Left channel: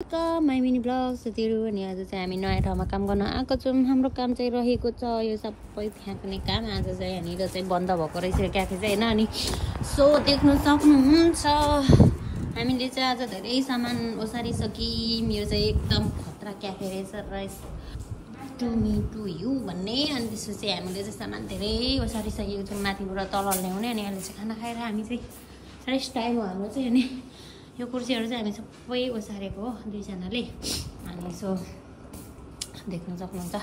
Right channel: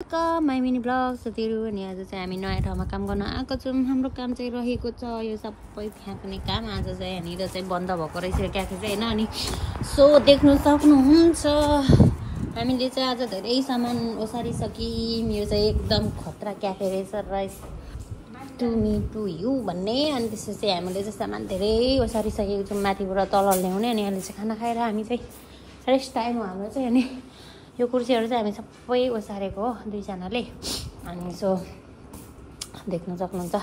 My mini blog साथीहरू अनि आज चाहिँ हामी नयाँ ठाउँमा काम गर्न आएको छौँ। हाम्रो काम चाहिँ रहेको छ यो सबै फ्याँक्ने काम। आज चाहिँ यहाँनिर चाहिँ बन्द भएको रहेछ क्याफे चाहिँ होइन। अनि सो देख्न सक्नुहुन्छ हामीले चाहिँ आज धेरै सामान ओसारिसक्यौँ। यो चाहिँ एकदम खतरा क्याफे रहेछ टुमी टु यु भन्ने। अनि त्यसपछि हामीले चाहिँ सामान धेरै ओसारिसकेको छौँ माथिबाट तल ल्याउने। अनि हामी चाहिँ खाना खाएर हामी चाहिँ रेस्ट टाइम हो हाम्रो चाहिँ। अनि यो कुर्सीहरू चाहिँ हामी सबै ओसारेको हो दुईजनाले। अनि सो देख्न सक्नुहुन्छ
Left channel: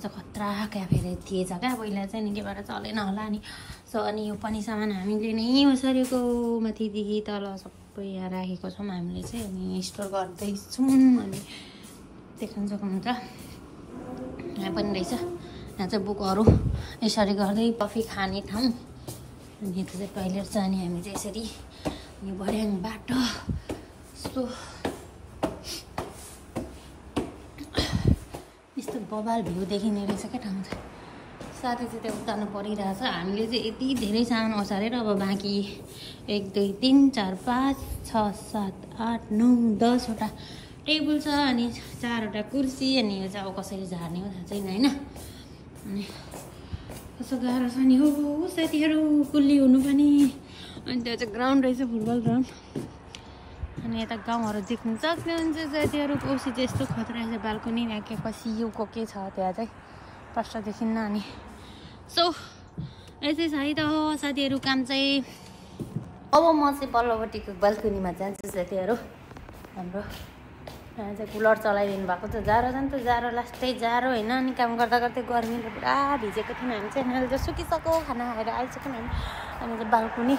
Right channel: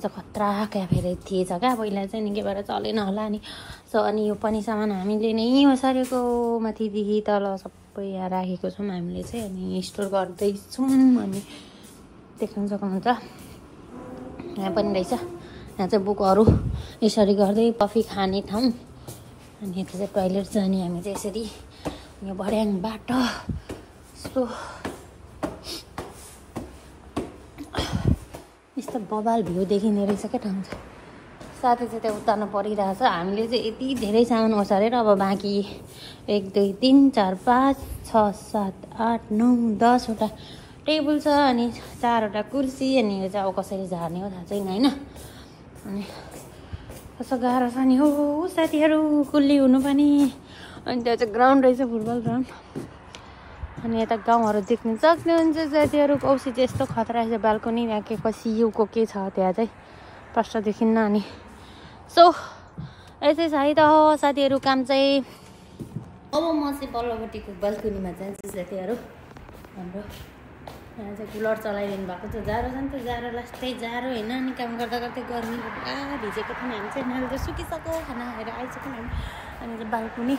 खतरा क्याफे थिएछ क्या पहिला चाहिँ नि के भएर चलेन होला। अनि सो अनि यो पनि सामान हामीले नै ओसारेको माथिदेखि तल सबै यहाँ राखेको छौँ हामीले चाहिँ। अनि स्टोर गर्दैछौँ। अनि देख्न सक्नुहुन्छ यहाँ पनि रहेछ। यहाँ चाहिँ बुकहरू यसरी गर्दै कफी खाने ठाउँ। अनि यता चाहिँ टोइलेट छ। अनि हामी चाहिँ यसरी यो भर्याङ बाटो यस्तो यस्तो बबाल भ्यू देखिँदो रहेछ क्या ठाउँ चाहिँ। साथै चाहिँ त्यो उतार्न परिरहेछ। हामीले चाहिँ यति धेरै सामान ओसारेर अब बाँकी 1 2 3 4 5 6 7 8 9 10वटा टेबल छ। अनि 4वटा कुर्सी। अनि यो चाहिँ अब कसरी झार्ने हो थाहा छैन होइन। अनि कस्तो गाह्रो छ नि हो साथीहरू कुल्ली हुनु पनि। अनि त्यहाँ चाहिँ ग्राउन्ड रहेछ फुटबल ग्राउन्ड। अनि यता गाउँहरू देख्नु सक्नुहुन्छ साथीहरू। औसी चाहिँ यस्तो खतरा रहेछ बाल्कनी यहाँ के कसियोको के छ त्यहाँ चाहिँ प्रष्ट देखिन्न। अनि सो यसै छ है त हो साथीहरू काम चाहिँ। अब म चाहिँ पल्लोपट्टिको बाल्कनीमा जान्छु साथीहरू। हाम्रो यहाँ चाहिँ कुलर चलाइदिनु भएको छ। जाडो छ नि त जाडो लास्टै जाडो होइन। अनि काम गर्दा गर्दै गर्मीको पुरा भिजेको थिएन हामी चाहिँ। अहिले त सुकिसक्यो खाना खाएर आइसक्यो हामी। अनि चाहिँ बाल्कनी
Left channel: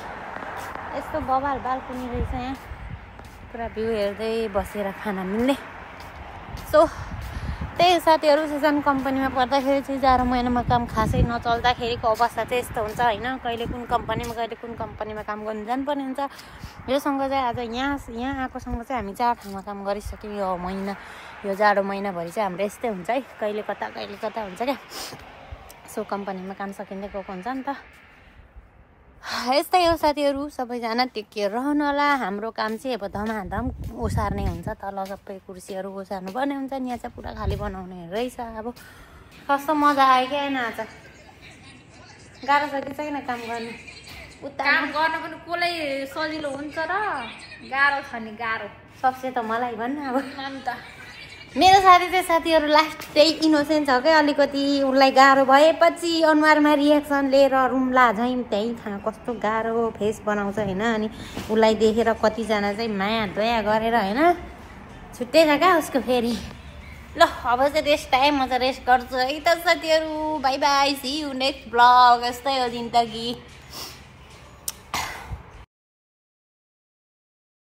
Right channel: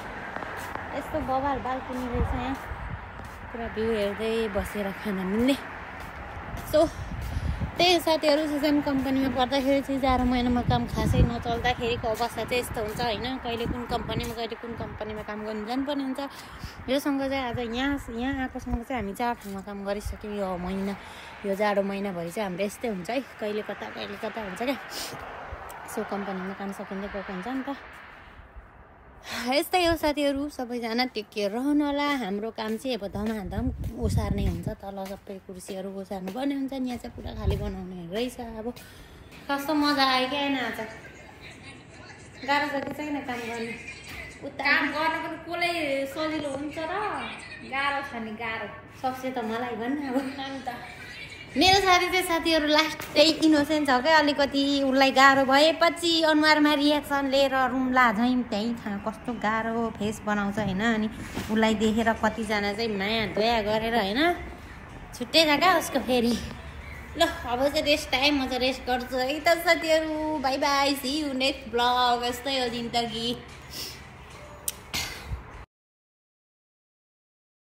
यस्तो बबाल बाल्कनी रहेछ यहाँ पुरा भ्यू हेर्दै बसेर खाना मिल्ने। सो त्यही साथीहरू सिजन कम्पनीमा पर्दाखेरि चाहिँ जाडो महिनामा काम खासै नचल्दाखेरिको अवस्था चाहिँ यस्तो हुन्छ होइन। कहिले कुन कम्पनीमा काम गर्नु जानुपर्ने हुन्छ। योसँग चाहिँ आज यहाँ आएकोसँग चाहिँ हामी 4 ठाउँमा काम गरिसक्यौँ यो महिना। यो जाडो महिनाभरि चाहिँ हाम्रो यस्तै हुन्छ है। कहिले कता हुन्छ क्या। सो कम्पनीमा काम सकिँदै गएको हुन्छ नि त। यस्तै हो साथीहरू सबैजना टेक केयर रहनु होला। हाम्रो काम चाहिँ अब धमाधम ओसार्ने हुन्छ। तल सबै कुर्सीहरू ओसार्नु पर्ने हुन्छ। यहाँ चाहिँ पुरा खाली बनाउने रहेछ। अब कस्तो मजा आयो कि होइन। आज गाह्रो छ कि छैन काम गर्नु। काम गर्न पनि कसलाई सजिलो हुन्छ र गाह्रो छ नि गाह्रो सक्छ त मलाई भन्नु अब। अन्त मेरो साथी चाहिँ साथीहरू लास्ट चाहिँ इनोसेन्ट छ क्या अलिकति। उसलाई गाह्रो भएपछि अनुहारमा रिएक्सन लिएर रुम्ला झैँ त्यहीँ खाना कस्तो गाह्रो फेस बनाउँछ होइन। अनि उसलाई देखेर कतिजना चाहिँ माया दया गरेर होइन छुट्टै छ क्या उसको फेरि। ल अब चाहिँ रेस्ट टाइम म चाहिँ रेस्ट गर्छु है त साथीहरू। Bye bye see you next blog. यस्तै हो जिन्दगी।